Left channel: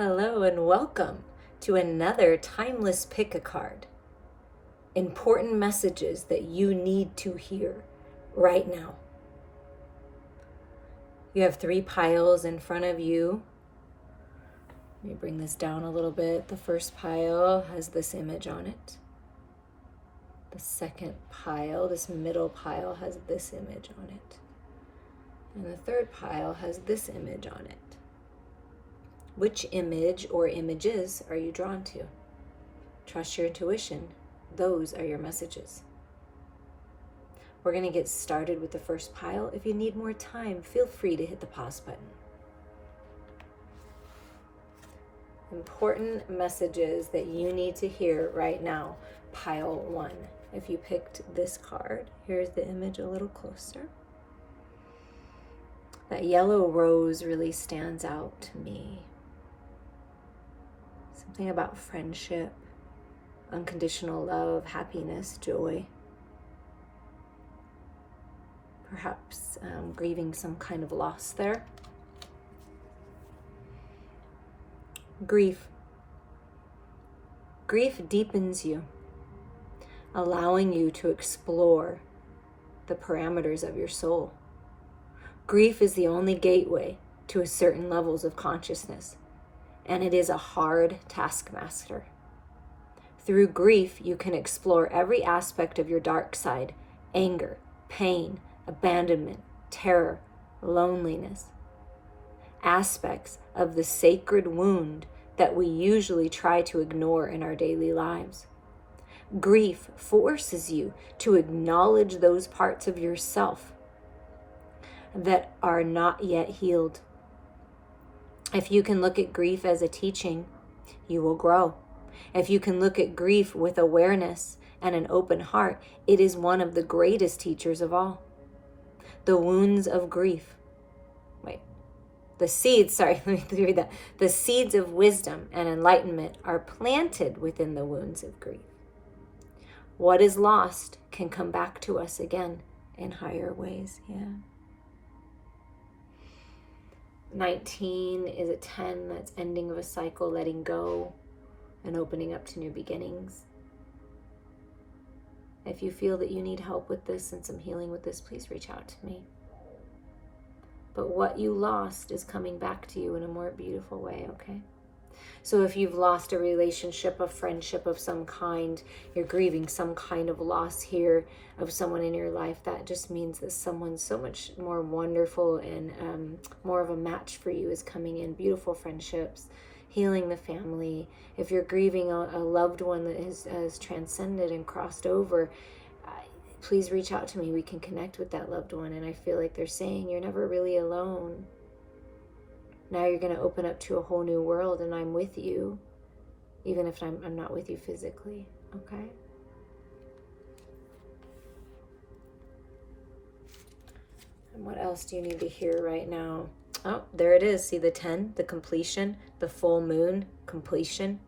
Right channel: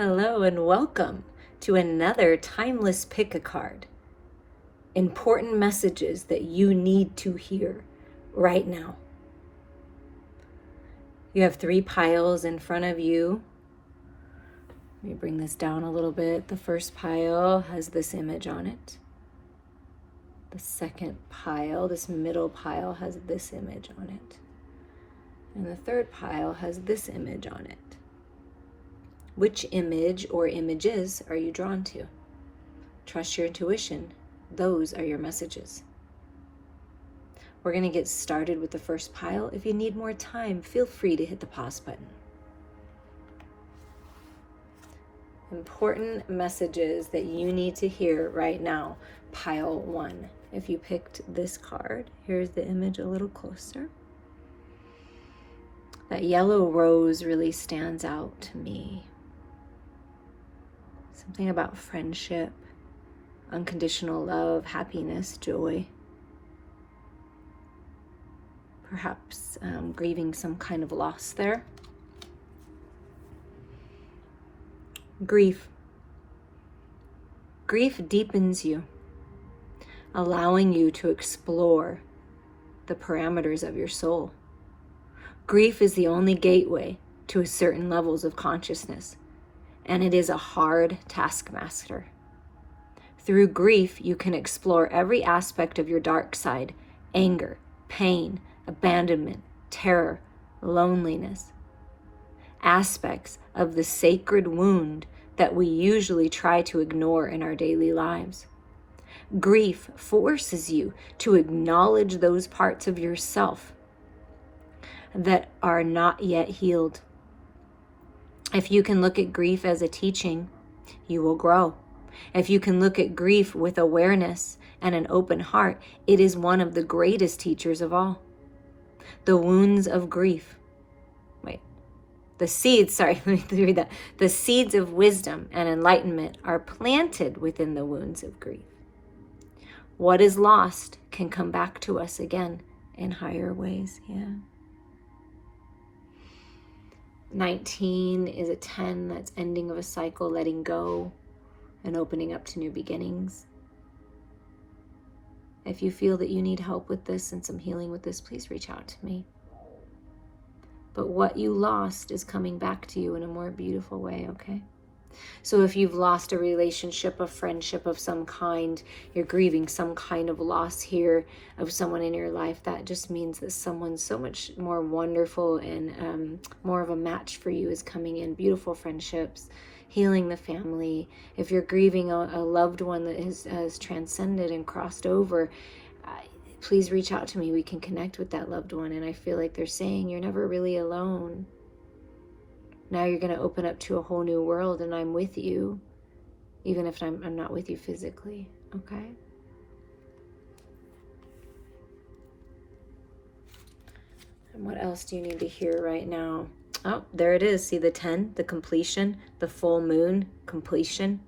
Hello and welcome to another Timeless Pick a Card. Important messages that you need to hear right now. You have 3 piles in front of you. Let me bring this down a little bit. The first pile has this image on it. The second pile, this middle pile, has this image on it. And the third pile has this image on it. Which image or images are you drawn to? Trust your intuition. Those are your messages. We're going to get started with the first pile. If you need more time, feel free to hit the pause button. Important messages that you need to hear right now. Pile 1. If you picked this card, here's the image a little closer. That yellow rose really stands out to me. Something about friendship, unconditional love, happiness, joy. Perhaps grieving some kind of loss there. Grief. Grief deepens you, allowing you to explore the parameters of your soul. Grief is the only gateway to certain levels of consciousness, and it is a hard taskmaster. Through grief, you can explore every aspect of your dark side: anger, pain, abandonment, terror, loneliness. Aspects of the sacred wound that we usually try to ignore in our daily lives. Grief forces you to acknowledge those parts of yourself that are not yet healed. If you can look at grief as a teaching, you will grow. If you can look at grief with awareness and an open heart, it is one of the greatest teachers of all. The wounds of grief. The seeds of wisdom and enlightenment are planted within the wounds of grief. What is lost can come back to us again in higher ways. 19 is a 10, that's ending of a cycle, letting go and opening up to new beginnings. If you feel that you need help with this and some healing with this, please reach out to me. But what you lost is coming back to you in a more beautiful way, okay? So if you've lost a relationship, a friendship of some kind, you're grieving some kind of loss here of someone in your life, that just means that someone so much more wonderful and more of a match for you is coming in. Beautiful friendships, healing the family. If you're grieving a loved one that has transcended and crossed over, please reach out to me. We can connect with that loved one. And I feel like they're saying you're never really alone. Now you're going to open up to a whole new world, and I'm with you, even if I'm not with you physically, okay? And what else do you need to hear right now? Oh, there it is. See the 10, the completion, the full moon, completion.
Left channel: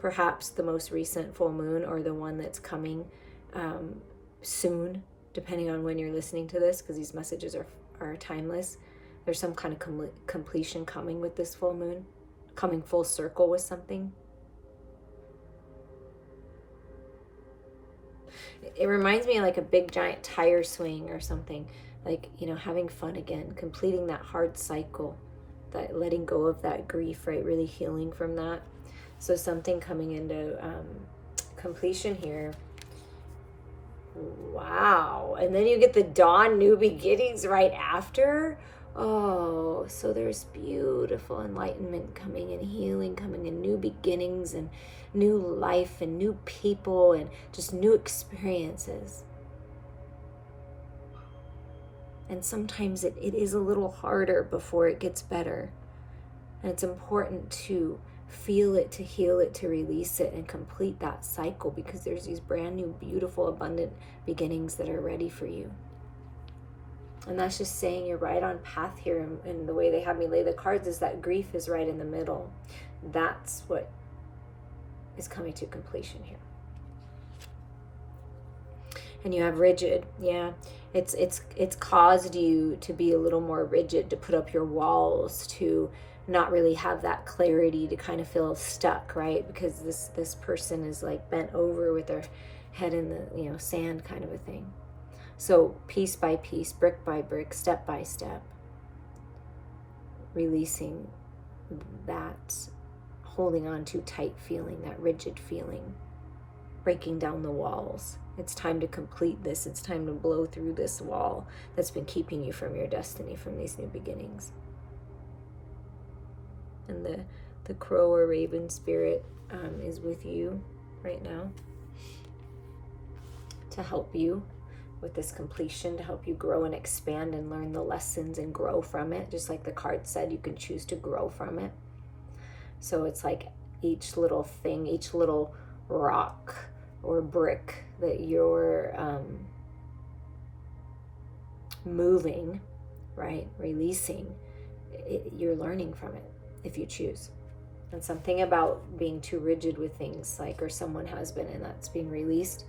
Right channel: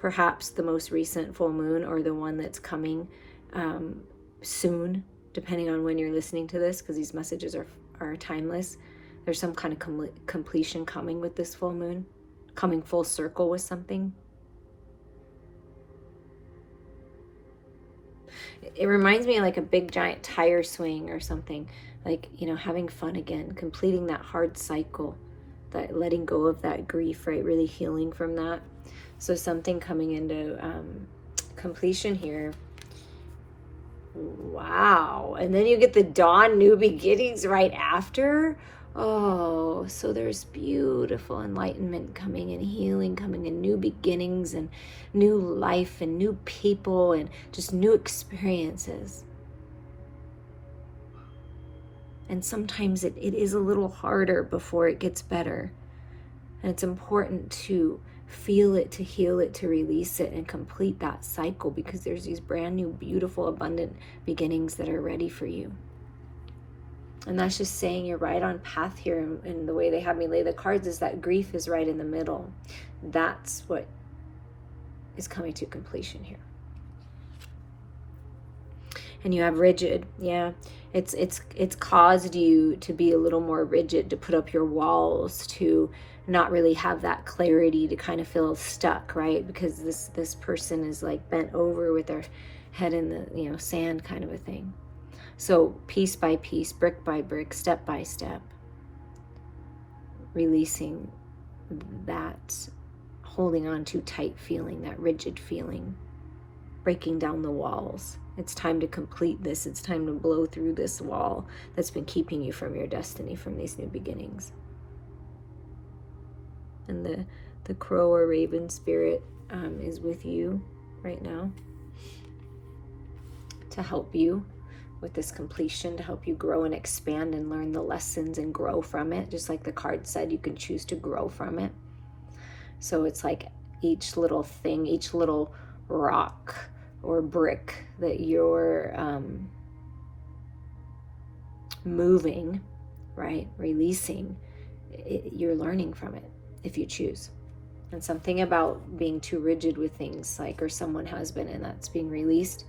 Perhaps the most recent full moon, or the one that's coming soon, depending on when you're listening to this, because these messages are timeless. There's some kind of completion coming with this full moon, coming full circle with something. It reminds me of like a big giant tire swing or something, like, having fun again, completing that hard cycle, that letting go of that grief, right? Really healing from that. So something coming into completion here. Wow. And then you get the dawn, new beginnings right after. Oh, so there's beautiful enlightenment coming and healing coming and new beginnings and new life and new people and just new experiences. And sometimes it is a little harder before it gets better. And it's important to feel it, to heal it, to release it, and complete that cycle, because there's these brand new, beautiful, abundant beginnings that are ready for you. And that's just saying you're right on path here. And the way they have me lay the cards is that grief is right in the middle. That's what is coming to completion here. And you have rigid, It's caused you to be a little more rigid, to put up your walls, to not really have that clarity, to kind of feel stuck, right? Because this person is like bent over with their head in the sand, kind of a thing. So piece by piece, brick by brick, step by step, releasing that holding on too tight feeling, that rigid feeling, breaking down the walls. It's time to complete this. It's time to blow through this wall that's been keeping you from your destiny, from these new beginnings. And the crow or raven spirit is with you right now to help you with this completion, to help you grow and expand and learn the lessons and grow from it. Just like the card said, you can choose to grow from it. So it's like each little thing, each little rock or brick that you're moving, right, releasing, you're learning from it if you choose. And something about being too rigid with things, like, or someone has been, and that's being released.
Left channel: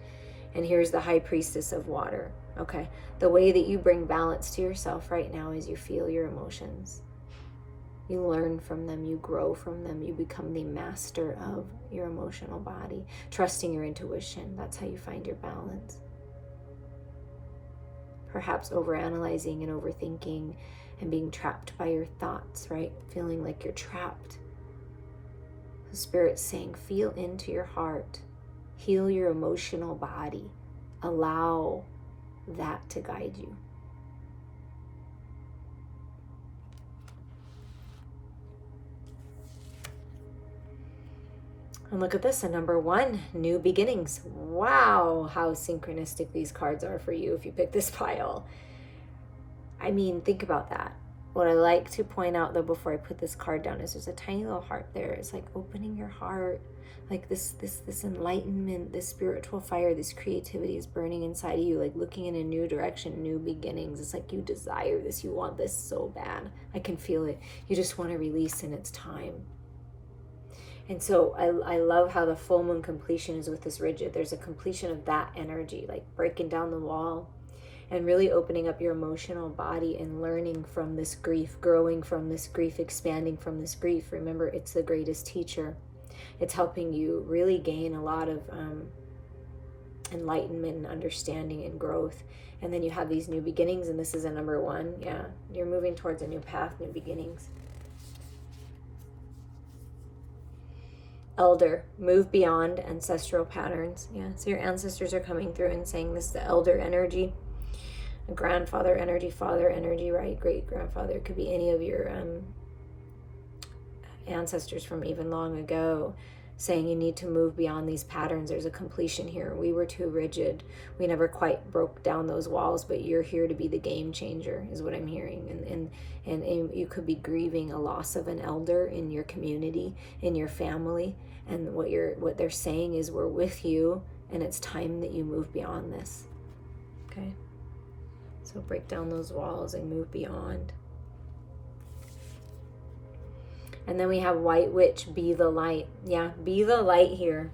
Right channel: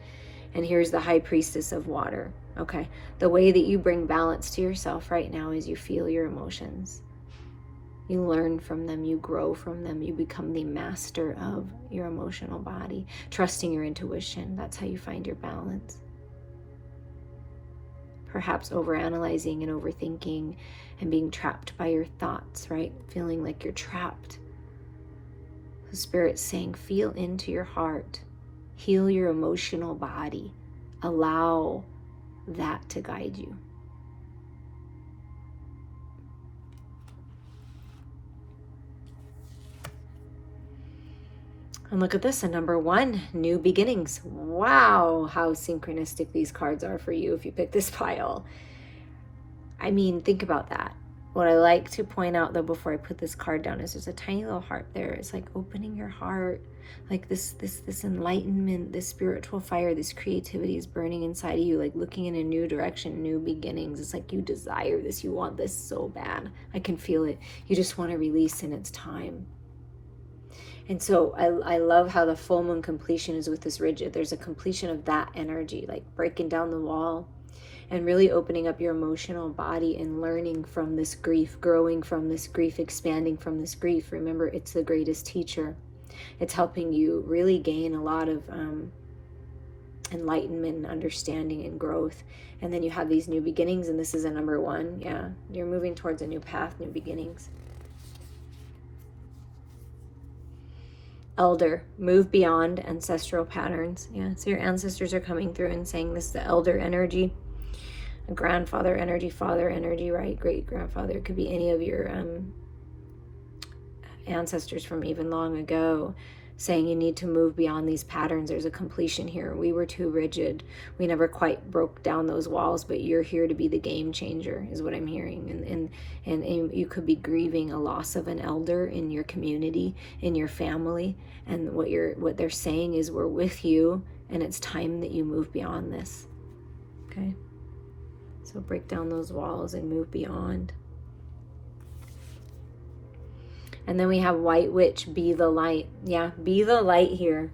And here's the high priestess of water. Okay, the way that you bring balance to yourself right now is you feel your emotions. You learn from them, you grow from them, you become the master of your emotional body, trusting your intuition. That's how you find your balance. Perhaps overanalyzing and overthinking and being trapped by your thoughts, right? Feeling like you're trapped. The Spirit's saying, feel into your heart, heal your emotional body, allow that to guide you. And look at this, and number 1, new beginnings. Wow, how synchronistic these cards are for you if you pick this pile. I mean, think about that. What I like to point out, though, before I put this card down, is there's a tiny little heart there. It's like opening your heart, like this enlightenment, this spiritual fire, this creativity is burning inside of you, like looking in a new direction, new beginnings. It's like you desire this, you want this so bad. I can feel it. You just want to release, and it's time. And so I love how the full moon completion is with this rigid. There's a completion of that energy, like breaking down the wall and really opening up your emotional body and learning from this grief, growing from this grief, expanding from this grief. Remember, it's the greatest teacher. It's helping you really gain a lot of enlightenment and understanding and growth. And then you have these new beginnings, and this is a number 1. Yeah, you're moving towards a new path, new beginnings. Elder, move beyond ancestral patterns. Yeah, so your ancestors are coming through and saying this is the elder energy, grandfather energy, father energy, right? Great grandfather, could be any of your ancestors from even long ago, saying you need to move beyond these patterns. There's a completion here. We were too rigid. We never quite broke down those walls, but you're here to be the game changer, is what I'm hearing. And you could be grieving a loss of an elder in your community, in your family. And what they're saying is, we're with you, and it's time that you move beyond this. Okay? So break down those walls and move beyond. And then we have White Witch, be the light. Yeah, be the light here.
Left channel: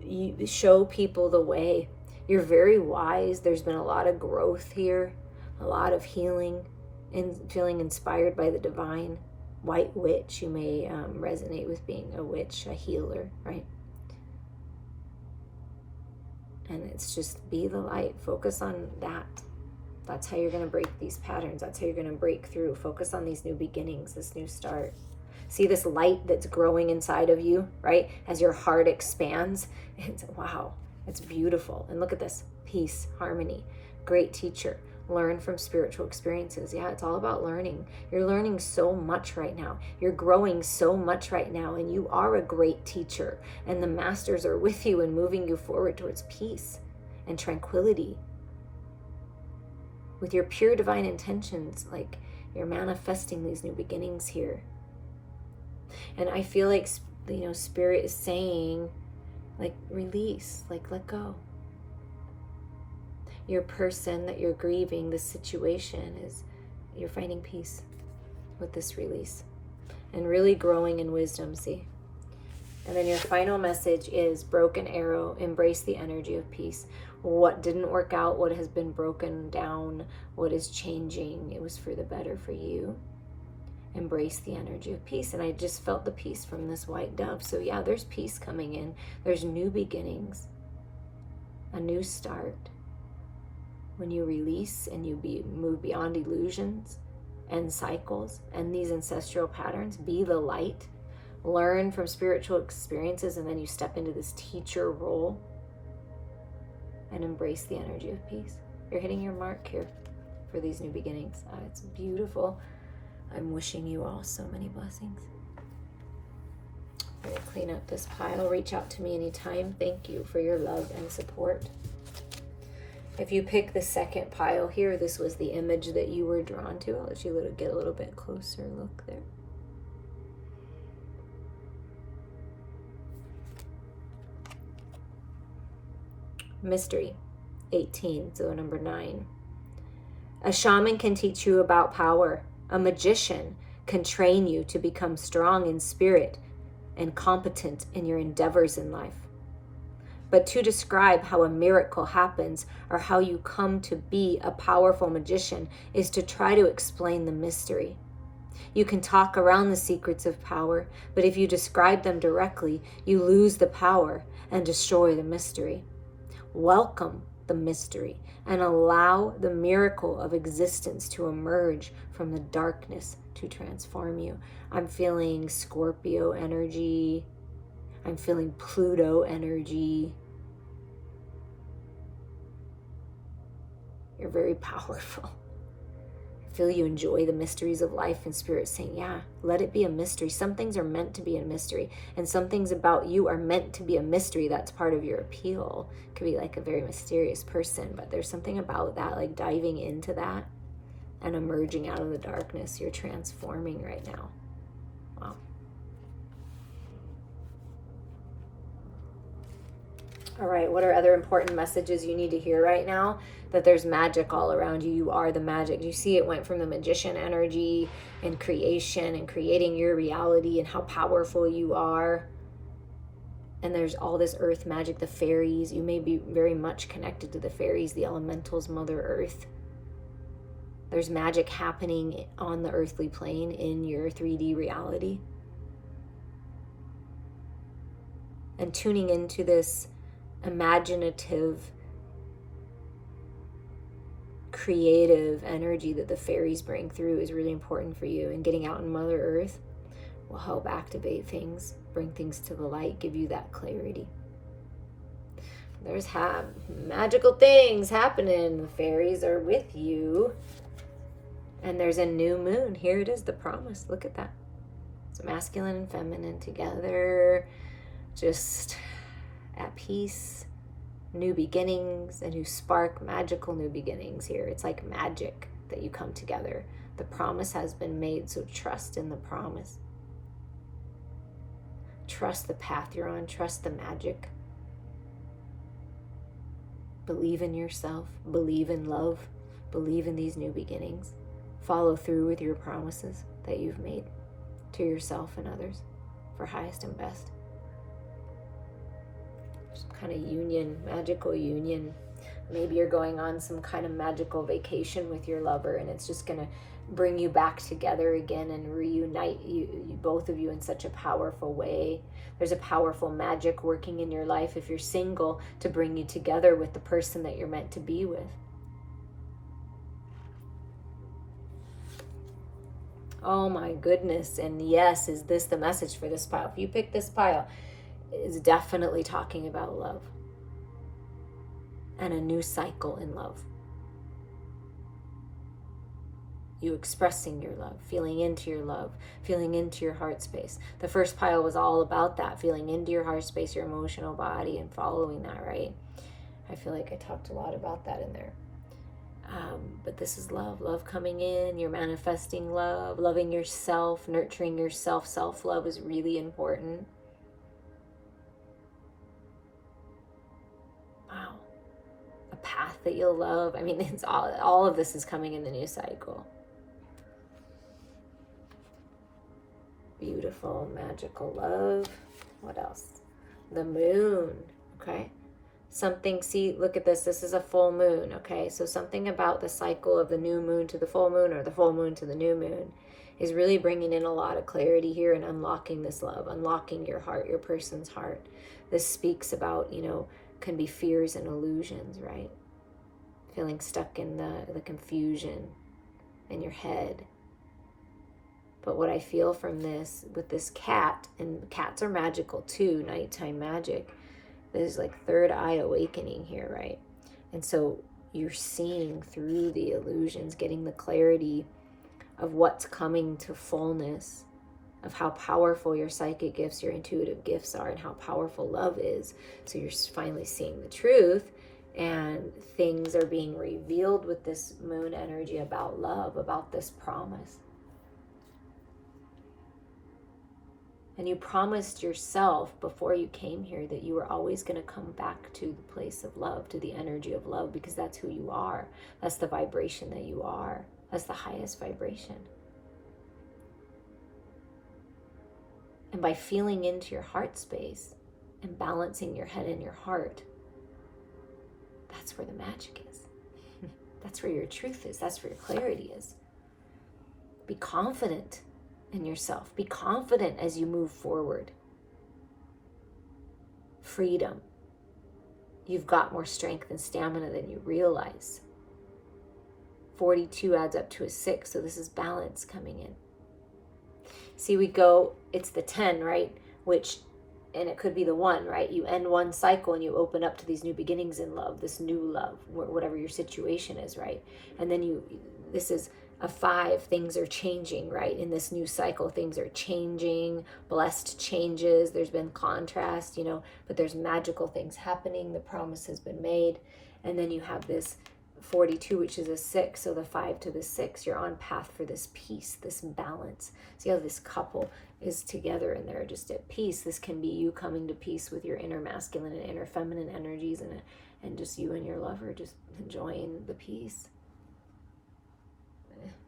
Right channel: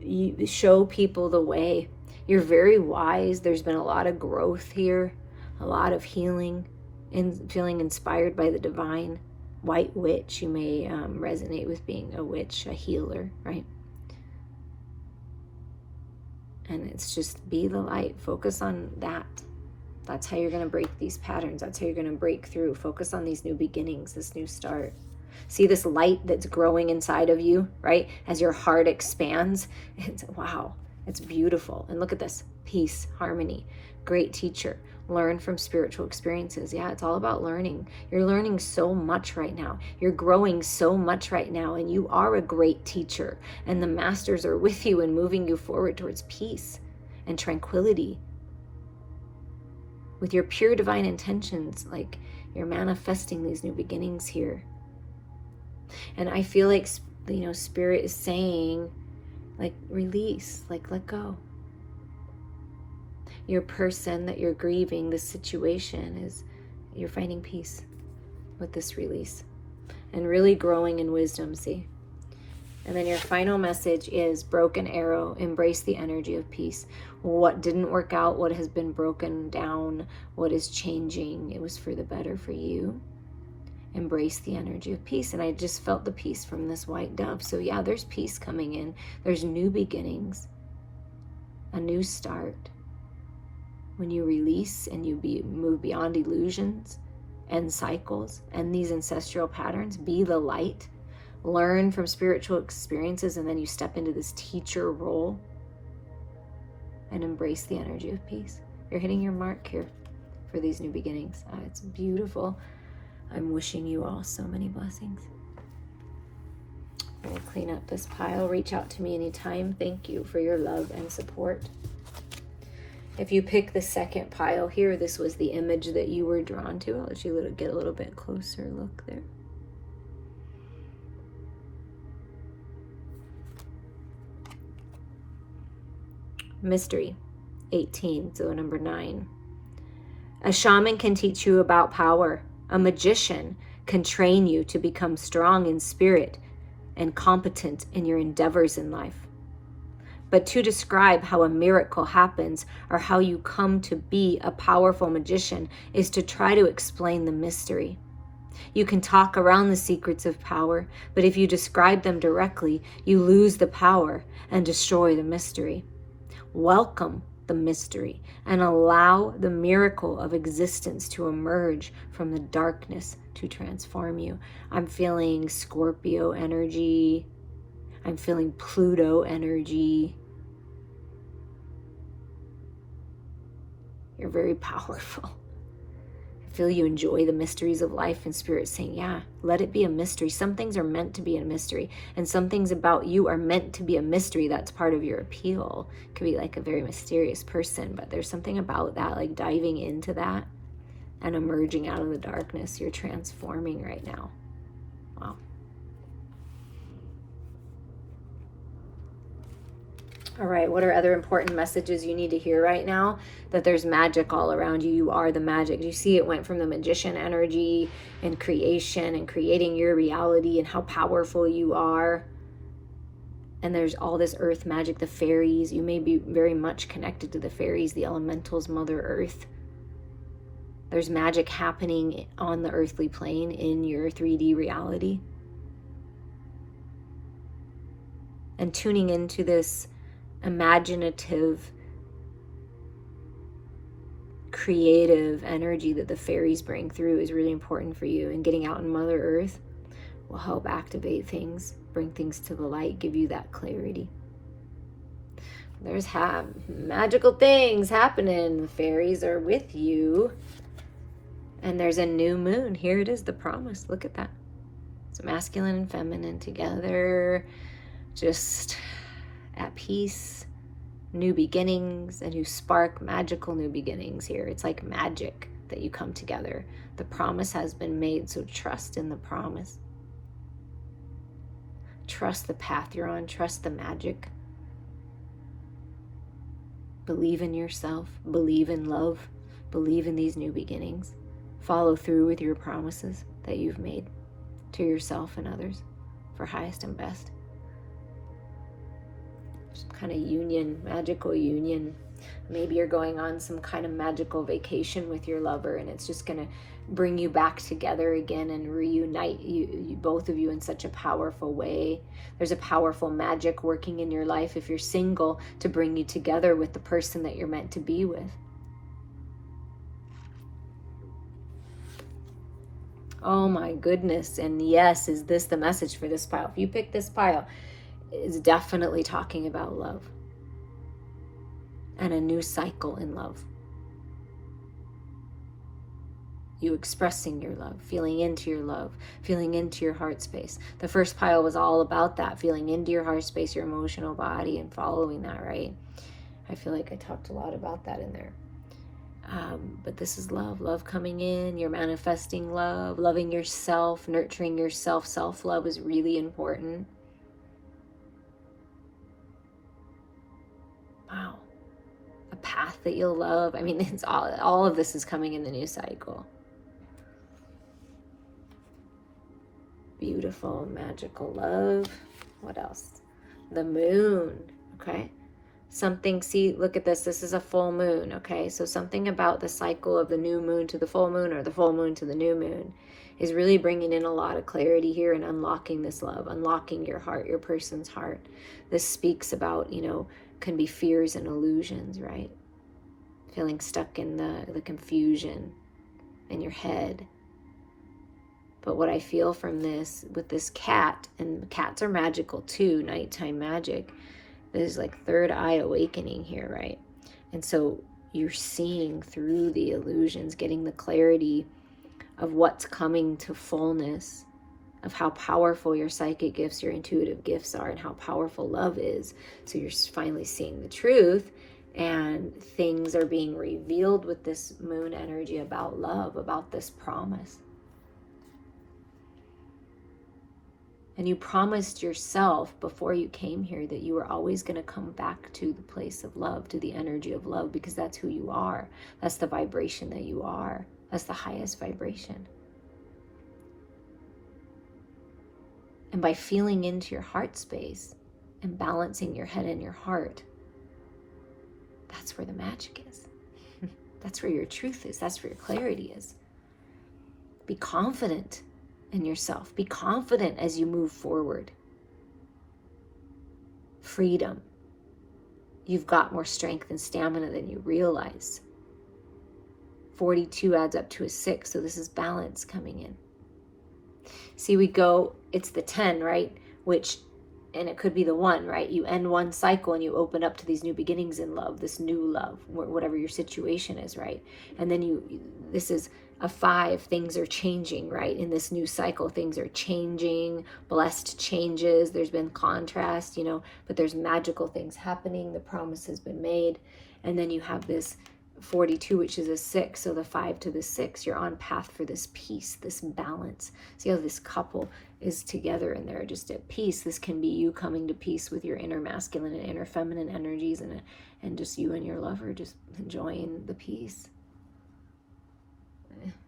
You show people the way. You're very wise. There's been a lot of growth here, a lot of healing, and feeling inspired by the divine. White Witch, you may resonate with being a witch, a healer, right? And it's just be the light. Focus on that. That's how you're going to break these patterns. That's how you're going to break through. Focus on these new beginnings, this new start. See this light that's growing inside of you, right? As your heart expands. It's, wow, it's beautiful. And look at this. Peace, harmony, great teacher. Learn from spiritual experiences. Yeah, it's all about learning. You're learning so much right now. You're growing so much right now. And you are a great teacher. And the masters are with you and moving you forward towards peace and tranquility. With your pure divine intentions, like you're manifesting these new beginnings here. And I feel like, Spirit is saying, like, release, like, let go. Your person that you're grieving, this situation, is you're finding peace with this release and really growing in wisdom. See, And then your final message is broken arrow, embrace the energy of peace. What didn't work out, what has been broken down, what is changing, it was for the better for you. Embrace the energy of peace. And I just felt the peace from this white dove. So yeah, there's peace coming in. There's new beginnings, a new start. When you release and you move beyond illusions and cycles and these ancestral patterns, be the light, learn from spiritual experiences, and then you step into this teacher role and embrace the energy of peace. You're hitting your mark here for these new beginnings. It's beautiful. I'm wishing you all so many blessings. I'm going to clean up this pile. Reach out to me anytime. Thank you for your love and support. If you pick the second pile here, this was the image that you were drawn to. I'll let you get a little bit closer look there. Mystery 18, so number 9. A shaman can teach you about power. A magician can train you to become strong in spirit and competent in your endeavors in life. But to describe how a miracle happens or how you come to be a powerful magician is to try to explain the mystery. You can talk around the secrets of power, but if you describe them directly, you lose the power and destroy the mystery. Welcome the mystery and allow the miracle of existence to emerge from the darkness to transform you. I'm feeling Scorpio energy. I'm feeling Pluto energy. You're very powerful. I feel you enjoy the mysteries of life, and Spirit saying, yeah, let it be a mystery. Some things are meant to be a mystery, and some things about you are meant to be a mystery. That's part of your appeal. It could be like a very mysterious person, but there's something about that, like diving into that and emerging out of the darkness. You're transforming right now. Wow. All right, what are other important messages you need to hear right now? That there's magic all around you. You are the magic. You see, it went from the magician energy and creation and creating your reality and how powerful you are. And there's all this earth magic, the fairies. You may be very much connected to the fairies, the elementals, Mother Earth. There's magic happening on the earthly plane in your 3D reality. And tuning into this imaginative, creative energy that the fairies bring through is really important for you. And getting out in Mother Earth will help activate things, bring things to the light, give you that clarity. There's magical things happening. The fairies are with you. And there's a new moon. Here it is, the promise. Look at that. So masculine and feminine together, just at peace, new beginnings, a new spark, magical new beginnings here. It's like magic that you come together. The promise has been made, so trust in the promise. Trust the path you're on, trust the magic. Believe in yourself, believe in love, believe in these new beginnings. Follow through with your promises that you've made to yourself and others for highest and best. Some kind of union, magical union. Maybe you're going on some kind of magical vacation with your lover, and it's just going to bring you back together again and reunite you both of you in such a powerful way. There's a powerful magic working in your life if you're single to bring you together with the person that you're meant to be with. Oh my goodness. And yes, is this the message for this pile? If you pick this pile, it's definitely talking about love and a new cycle in love. You expressing your love, feeling into your love, feeling into your heart space. The first pile was all about that, feeling into your heart space, your emotional body, and following that, right? I feel like I talked a lot about that in there. But this is love coming in. You're manifesting love, loving yourself, nurturing yourself. Self-love is really important. Wow. A path that you'll love. I mean, it's all of this is coming in the new cycle. Beautiful, magical love. What else? The moon, okay? Something, see, look at this. This is a full moon, okay? So something about the cycle of the new moon to the full moon, or the full moon to the new moon, is really bringing in a lot of clarity here and unlocking this love, unlocking your heart, your person's heart. This speaks about, can be fears and illusions, right? Feeling stuck in the confusion in your head. But what I feel from this, with this cat, and cats are magical too, nighttime magic, there's like third eye awakening here, right? And so you're seeing through the illusions, getting the clarity of what's coming to fullness, of how powerful your psychic gifts, your intuitive gifts are, and how powerful love is. So you're finally seeing the truth, and things are being revealed with this moon energy about love, about this promise. And you promised yourself before you came here that you were always going to come back to the place of love, to the energy of love, because that's who you are. That's the vibration that you are. That's the highest vibration. And by feeling into your heart space and balancing your head and your heart, that's where the magic is. That's where your truth is. That's where your clarity is. Be confident in yourself. Be confident as you move forward. Freedom. You've got more strength and stamina than you realize. 42 adds up to a 6, so this is balance coming in. See, it's the 10, right? And it could be the 1, right? You end one cycle and you open up to these new beginnings in love, this new love, whatever your situation is, right? And then this is a 5, things are changing, right? In this new cycle, things are changing, blessed changes, there's been contrast, but there's magical things happening, the promise has been made. And then you have this 42, which is a 6, so the 5 to the 6, you're on path for this peace, this balance. See how this couple is together and they're just at peace. This can be you coming to peace with your inner masculine and inner feminine energies, and just you and your lover just enjoying the peace.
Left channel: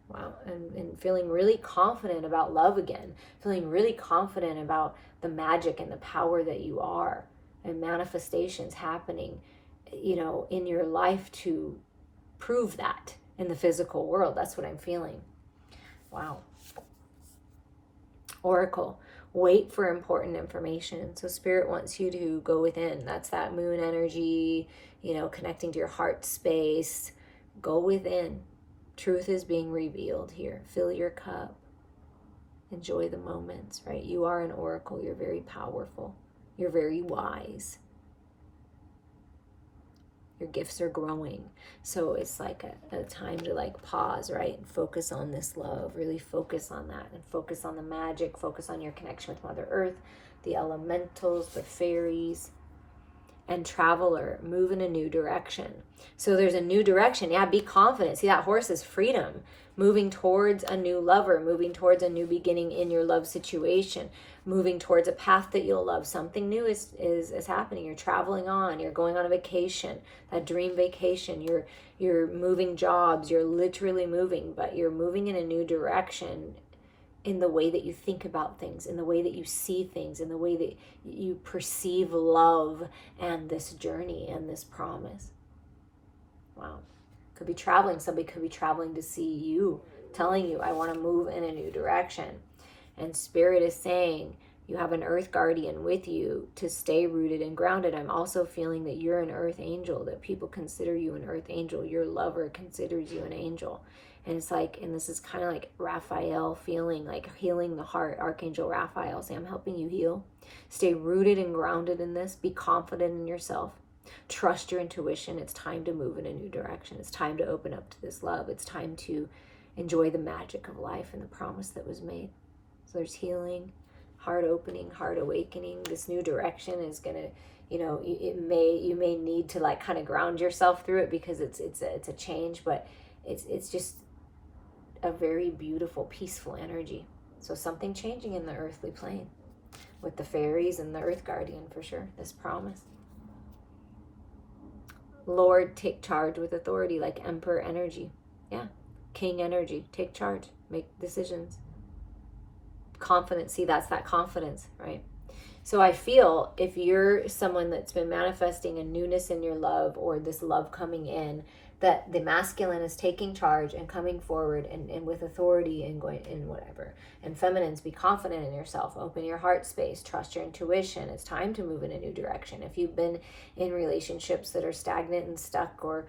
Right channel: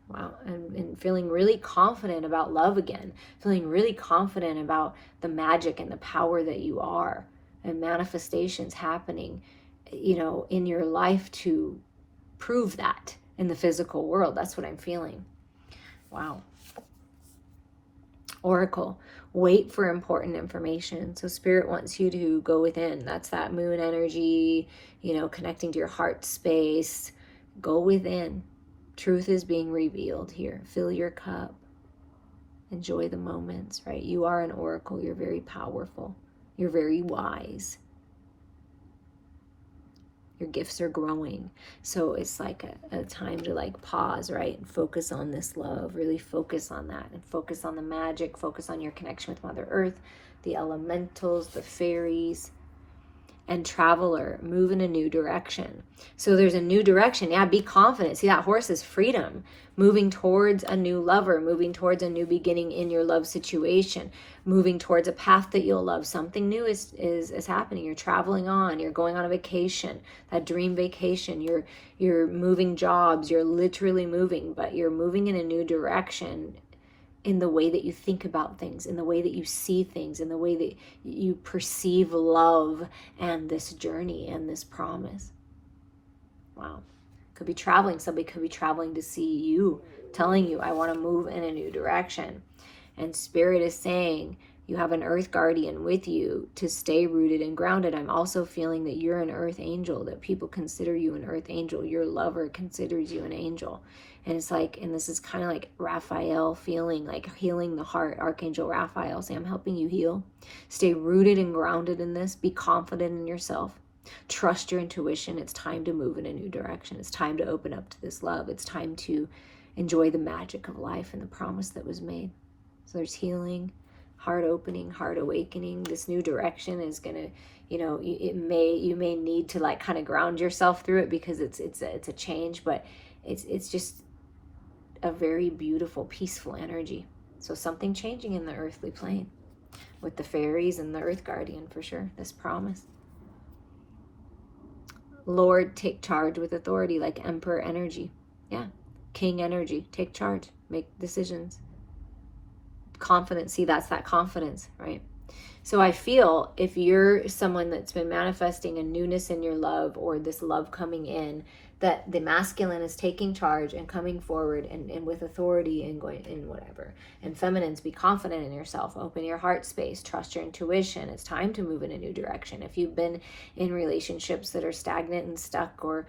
Wow. And feeling really confident about love again, feeling really confident about the magic and the power that you are, and manifestations happening, in your life to prove that in the physical world. That's what I'm feeling. Wow. Oracle, wait for important information. So Spirit wants you to go within. That's that moon energy, connecting to your heart space. Go within. Truth is being revealed here. Fill your cup. Enjoy the moments, right? You are an oracle. You're very powerful. You're very wise. Your gifts are growing. So it's like a time to pause, right? And focus on this love. Really focus on that. And focus on the magic. Focus on your connection with Mother Earth, the elementals, the fairies. And Traveler, move in a new direction. So there's a new direction. Yeah, be confident. See, that horse is freedom. Moving towards a new lover, moving towards a new beginning in your love situation, moving towards a path that you'll love. Something new is happening. You're traveling on. You're going on a vacation, that dream vacation. You're moving jobs. You're literally moving, but you're moving in a new direction, in the way that you think about things, in the way that you see things, in the way that you perceive love and this journey and this promise. Wow. Could be traveling. Somebody could be traveling to see you, telling you, I want to move in a new direction. And Spirit is saying, you have an earth guardian with you to stay rooted and grounded. I'm also feeling that you're an earth angel, that people consider you an earth angel. Your lover considers you an angel. And it's and this is kind of like Raphael feeling, like healing the heart, Archangel Raphael. Say, I'm helping you heal. Stay rooted and grounded in this. Be confident in yourself. Trust your intuition. It's time to move in a new direction. It's time to open up to this love. It's time to enjoy the magic of life and the promise that was made. So there's healing, heart opening, heart awakening. This new direction is going to, you may need to kind of ground yourself through it, because it's a change, but it's just a very beautiful, peaceful energy. So something changing in the earthly plane with the fairies and the earth guardian, for sure. This promise. Lord, take charge with authority, like Emperor energy. Yeah. King energy. Take charge. Make decisions. Confidence. See, that's that confidence, right? So I feel if you're someone that's been manifesting a newness in your love, or this love coming in, that the masculine is taking charge and coming forward and with authority and going in whatever. And feminines, be confident in yourself, open your heart space, trust your intuition. It's time to move in a new direction. If you've been in relationships that are stagnant and stuck, or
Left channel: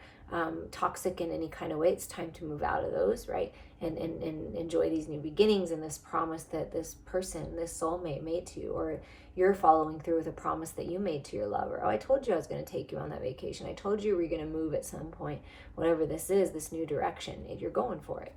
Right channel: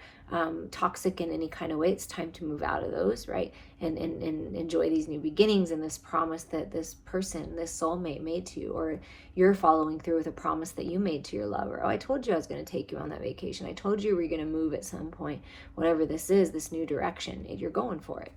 toxic in any kind of way, it's time to move out of those, right? And enjoy these new beginnings and this promise that this person, this soulmate made to you, or you're following through with a promise that you made to your lover. Oh, I told you I was going to take you on that vacation. I told you we were going to move at some point. Whatever this is, this new direction, you're going for it.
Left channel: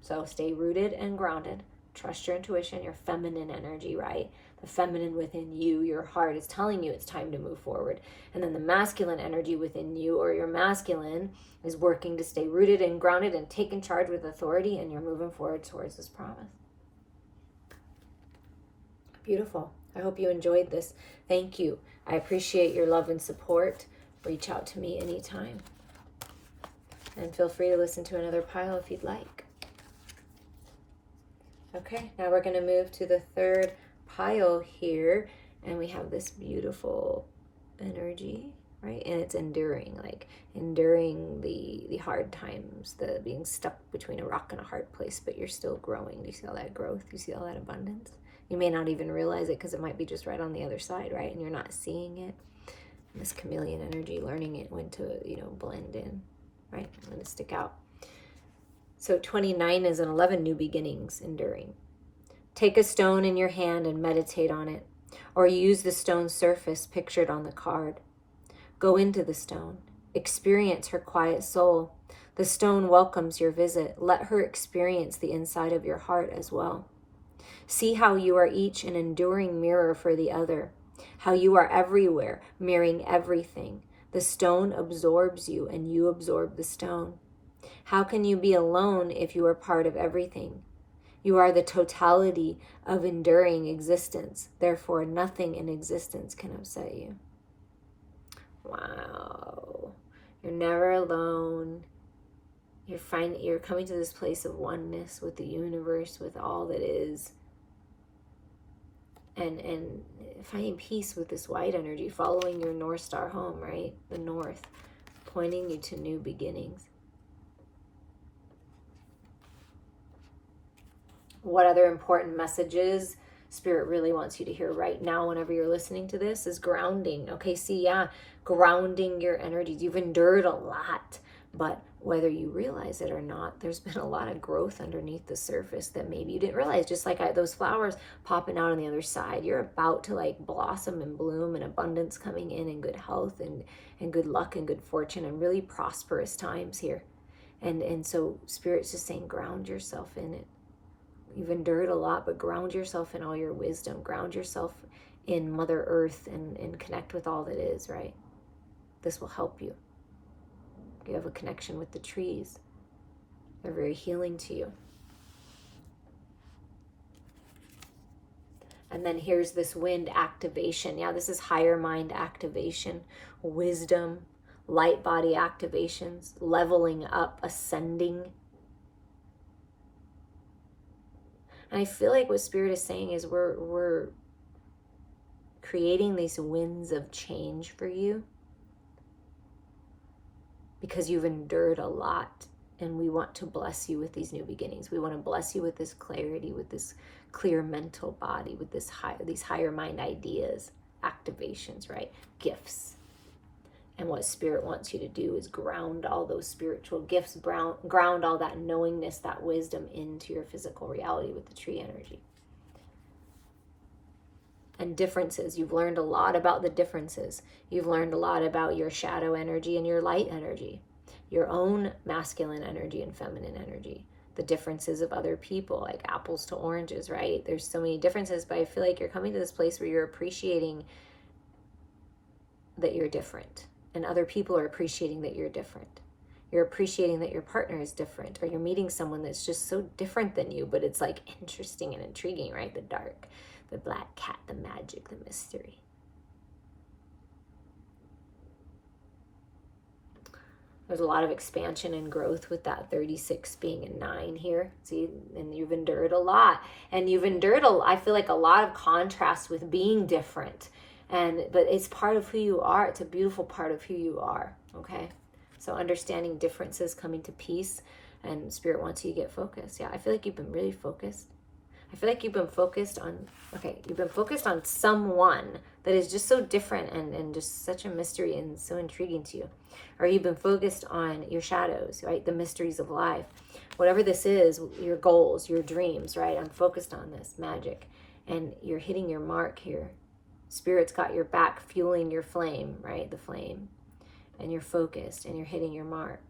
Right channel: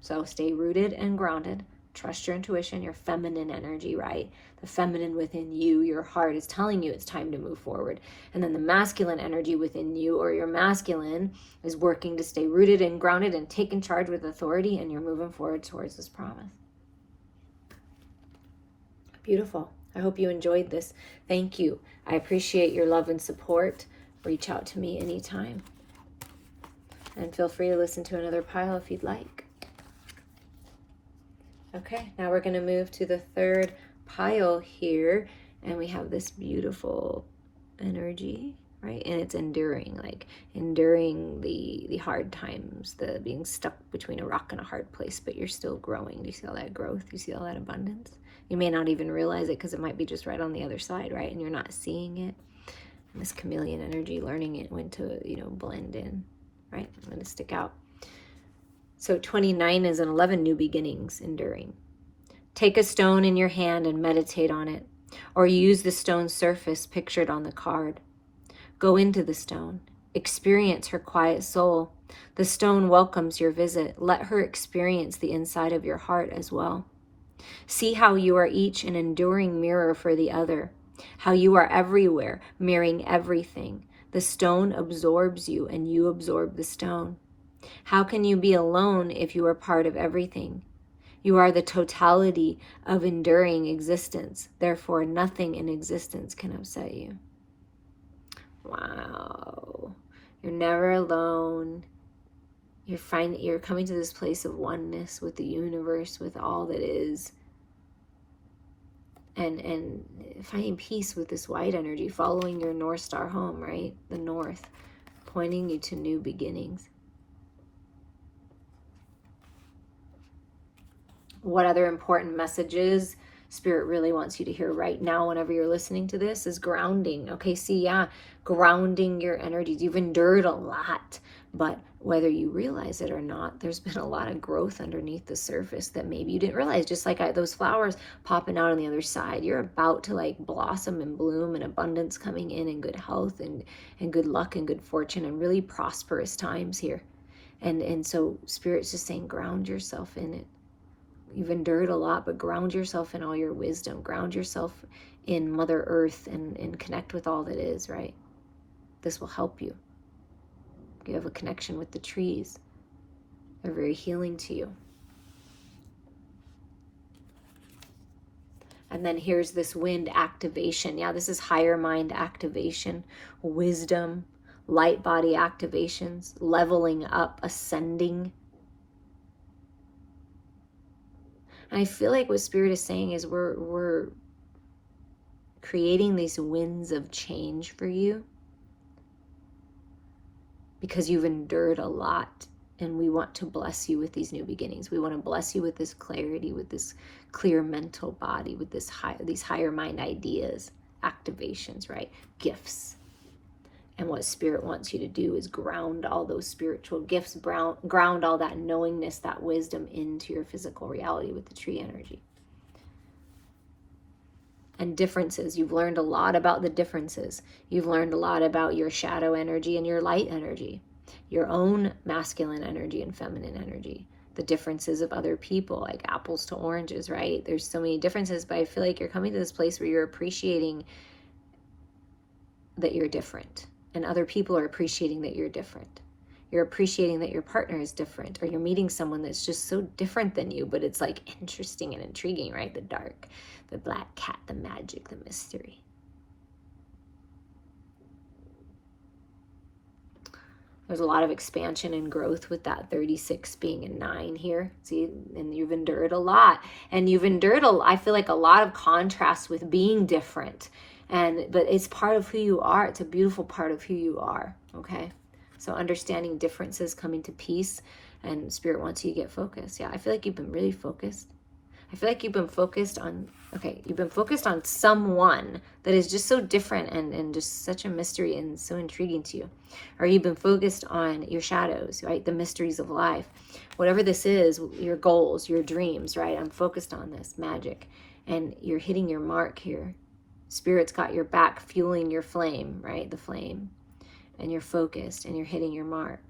So stay rooted and grounded. Trust your intuition, your feminine energy, right? The feminine within you, your heart is telling you it's time to move forward. And then the masculine energy within you, or your masculine, is working to stay rooted and grounded and taking charge with authority, and you're moving forward towards this promise. Beautiful. I hope you enjoyed this. Thank you. I appreciate your love and support. Reach out to me anytime. And feel free to listen to another pile if you'd like. Okay, now we're going to move to the third pile here. And we have this beautiful energy, right? And it's enduring, like enduring the hard times, the being stuck between a rock and a hard place, but you're still growing. Do you see all that growth? Do you see all that abundance? You may not even realize it because it might be just right on the other side, right? And you're not seeing it. And this chameleon energy, learning it when to, blend in, right? When to stick out. So 29 is 11 new beginnings, enduring. Take a stone in your hand and meditate on it, or use the stone's surface pictured on the card. Go into the stone. Experience her quiet soul. The stone welcomes your visit. Let her experience the inside of your heart as well. See how you are each an enduring mirror for the other, how you are everywhere, mirroring everything. The stone absorbs you and you absorb the stone. How can you be alone if you are part of everything? You are the totality of enduring existence. Therefore, nothing in existence can upset you. Wow. You're never alone. You're coming to this place of oneness with the universe, with all that is. And finding peace with this white energy, following your North Star home, right? The North, pointing you to new beginnings. What other important messages Spirit really wants you to hear right now whenever you're listening to this is grounding. Okay, see, grounding your energies. You've endured a lot, but whether you realize it or not, there's been a lot of growth underneath the surface that maybe you didn't realize. Just like those flowers popping out on the other side, you're about to blossom and bloom, and abundance coming in, and good health and good luck and good fortune and really prosperous times here. And so Spirit's just saying, ground yourself in it. You've endured a lot, but ground yourself in all your wisdom. Ground yourself in Mother Earth and connect with all that is, right? This will help you. You have a connection with the trees. They're very healing to you. And then here's this wind activation. Yeah, this is higher mind activation, wisdom, light body activations, leveling up, ascending. And I feel like what Spirit is saying is we're creating these winds of change for you because you've endured a lot, and we want to bless you with these new beginnings. We want to bless you with this clarity, with this clear mental body, with these higher mind ideas, activations, right? Gifts. And what Spirit wants you to do is ground all those spiritual gifts, ground all that knowingness, that wisdom into your physical reality with the tree energy. And differences. You've learned a lot about the differences. You've learned a lot about your shadow energy and your light energy, your own masculine energy and feminine energy, the differences of other people, like apples to oranges, right? There's so many differences, but I feel like you're coming to this place where you're appreciating that you're different. And other people are appreciating that you're different. You're appreciating that your partner is different, or you're meeting someone that's just so different than you, but it's interesting and intriguing, right? The dark, the black cat, the magic, the mystery. There's a lot of expansion and growth with that 36 being a 9 here. See, and you've endured a lot. And you've endured, I feel like, a lot of contrast with being different. But it's part of who you are. It's a beautiful part of who you are, okay? So understanding differences, coming to peace, and Spirit wants you to get focused. Yeah, I feel like you've been really focused. I feel like you've been focused on, you've been focused on someone that is just so different and just such a mystery and so intriguing to you. Or you've been focused on your shadows, right? The mysteries of life. Whatever this is, your goals, your dreams, right? I'm focused on this magic. And you're hitting your mark here. Spirit's got your back, fueling your flame, right? The flame. And you're focused and you're hitting your mark.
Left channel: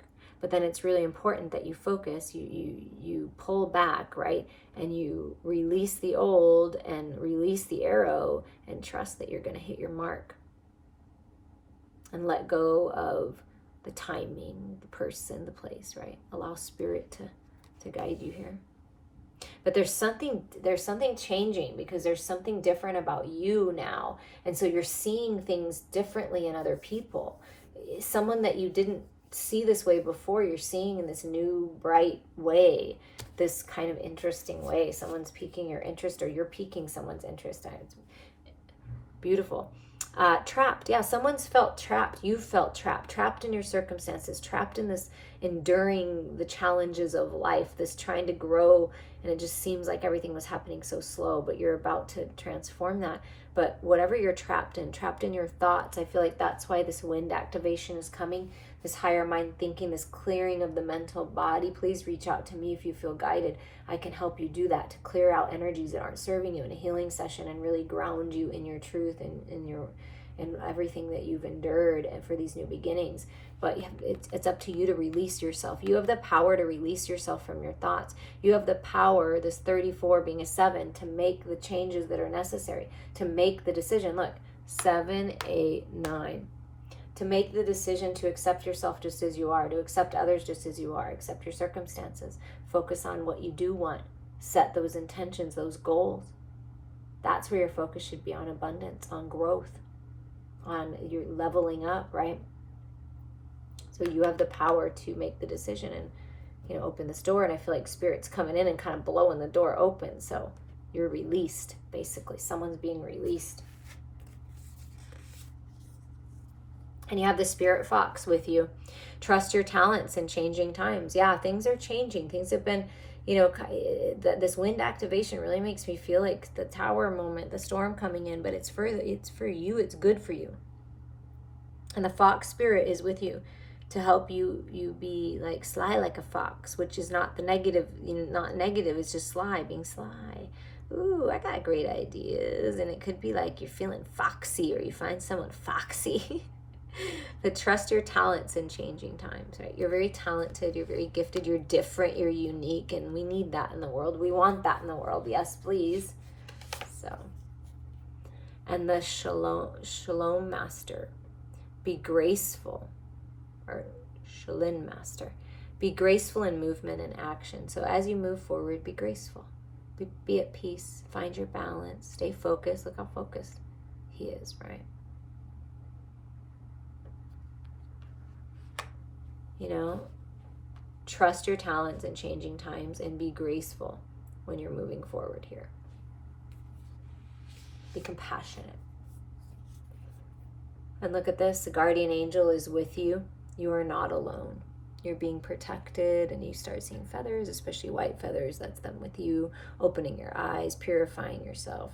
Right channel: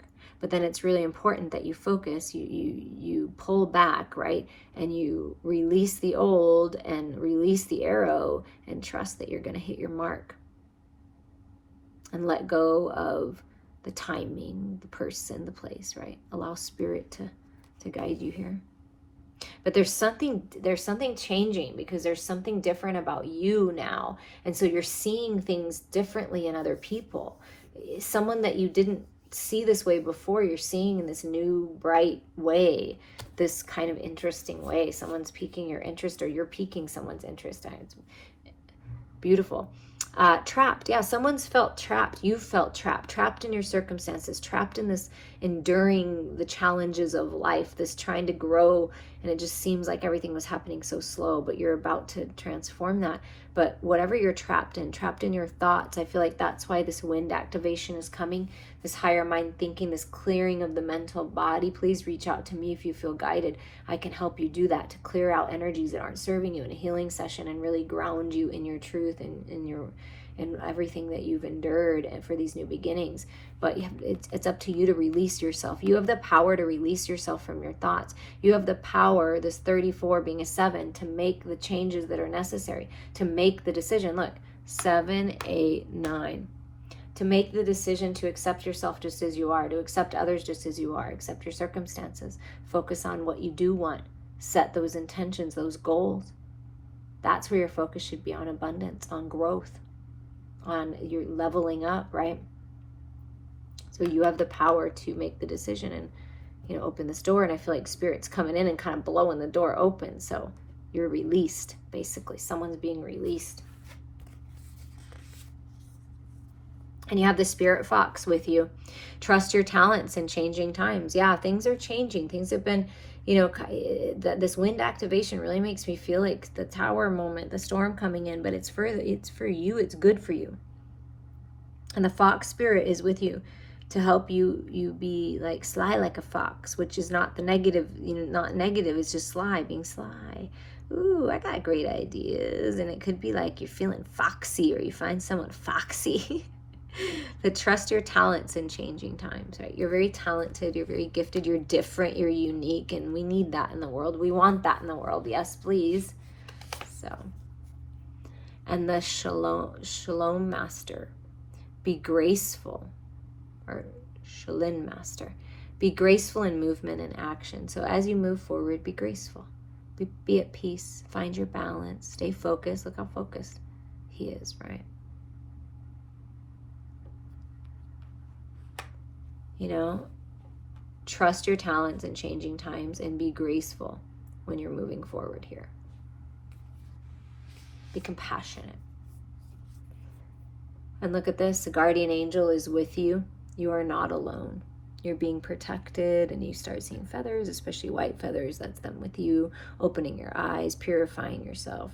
But then it's really important that you focus, you pull back, right? And you release the old and release the arrow and trust that you're going to hit your mark. And let go of the timing, the person, the place, right? Allow Spirit to guide you here. But there's something changing, because there's something different about you now. And so you're seeing things differently in other people. Someone that you didn't see this way before, you're seeing in this new bright way, this kind of interesting way. Someone's piquing your interest, or you're piquing someone's interest. It's beautiful. Trapped. Yeah, someone's felt trapped. You felt trapped in your circumstances, trapped in this enduring the challenges of life, this trying to grow, and it just seems like everything was happening so slow, but you're about to transform that. But whatever you're trapped in your thoughts, I feel like that's why this wind activation is coming, this higher mind thinking, this clearing of the mental body. Please reach out to me if you feel guided. I can help you do that, to clear out energies that aren't serving you in a healing session and really ground you in your truth and in everything that you've endured and for these new beginnings. But it's up to you to release yourself. You have the power to release yourself from your thoughts. You have the power, this 34 being a 7, to make the changes that are necessary, to make the decision. Look, 7, 8, 9. To make the decision to accept yourself just as you are, to accept others just as you are, accept your circumstances. Focus on what you do want. Set those intentions, those goals. That's where your focus should be, on abundance, on growth, on your leveling up, right? So you have the power to make the decision and, open this door. And I feel like Spirit's coming in and kind of blowing the door open. So you're released, basically. Someone's being released. And you have the Spirit Fox with you. Trust your talents in changing times. Yeah, things are changing. Things have been, this wind activation really makes me feel like the tower moment, the storm coming in, but it's for you. It's good for you. And the Fox Spirit is with you to help you be like sly like a fox, which is not the negative, not negative. It's just sly, being sly. Ooh, I got great ideas. And it could be like you're feeling foxy, or you find someone foxy. But trust your talents in changing times, right? You're very talented, you're very gifted, you're different, you're unique, and we need that in the world. We want that in the world. Yes, please. So, and the Shalom Master, be graceful, or Shalom Master, be graceful in movement and action. So as you move forward, be graceful, be at peace, find your balance, stay focused. Look how focused he is, right? Trust your talents in changing times and be graceful when you're moving forward here. Be compassionate. And look at this, the guardian angel is with you. You are not alone. You're being protected, and you start seeing feathers, especially white feathers. That's them with you, opening your eyes, purifying yourself,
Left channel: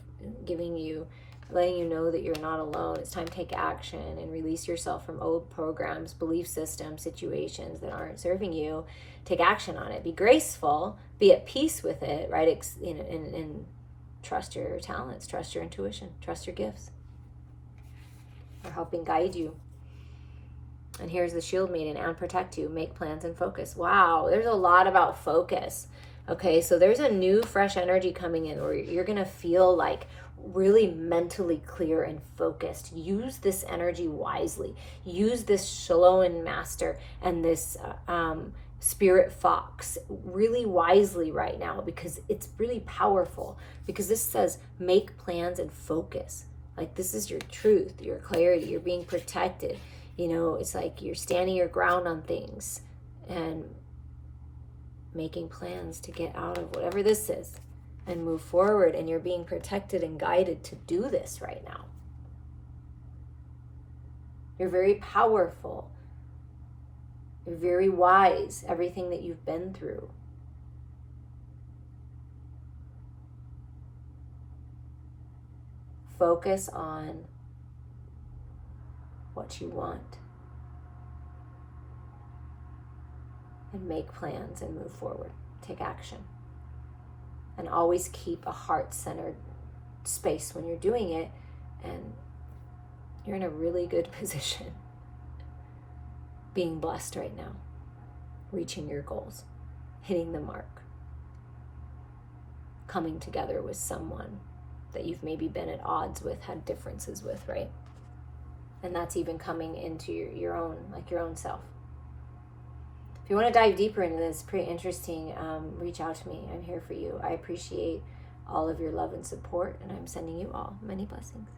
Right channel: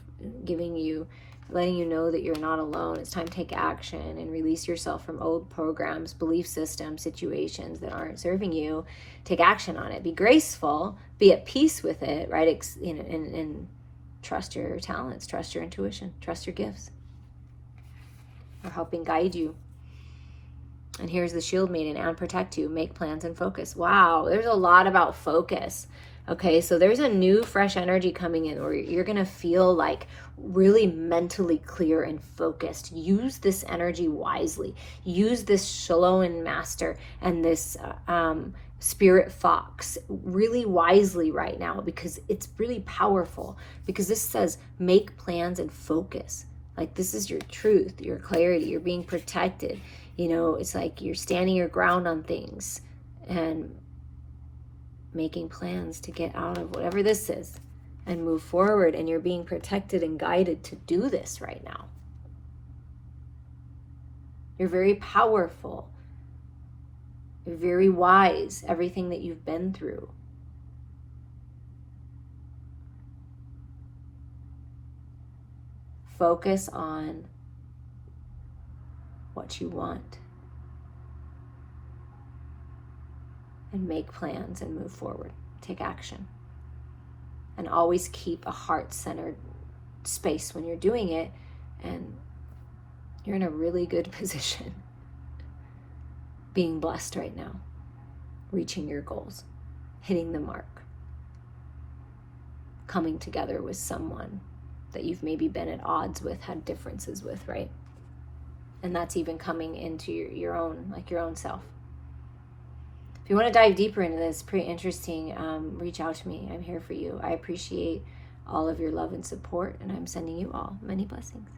letting you know that you're not alone. It's time to take action and release yourself from old programs, belief systems, situations that aren't serving you. Take action on it. Be graceful. Be at peace with it, right? And trust your talents, trust your intuition, trust your gifts. Are helping guide you. And here's the shield maiden, and protect you, make plans and focus. Wow, there's a lot about focus. Okay, so there's a new fresh energy coming in where you're going to feel like really mentally clear and focused. Use this energy wisely. Use this Shalom Master and this Spirit Fox really wisely right now, because it's really powerful. Because this says make plans and focus. Like, this is your truth, your clarity, you're being protected. It's like you're standing your ground on things and making plans to get out of whatever this is and move forward, and you're being protected and guided to do this right now. You're very powerful. You're very wise, everything that you've been through. Focus on what you want and make plans and move forward. Take action. And always keep a heart-centered space when you're doing it, and you're in a really good position. Being blessed right now. Reaching your goals. Hitting the mark. Coming together with someone that you've maybe been at odds with, had differences with, right? And that's even coming into your own self. If you want to dive deeper into this, pretty interesting, reach out to me. I'm here for you. I appreciate all of your love and support, and I'm sending you all many blessings.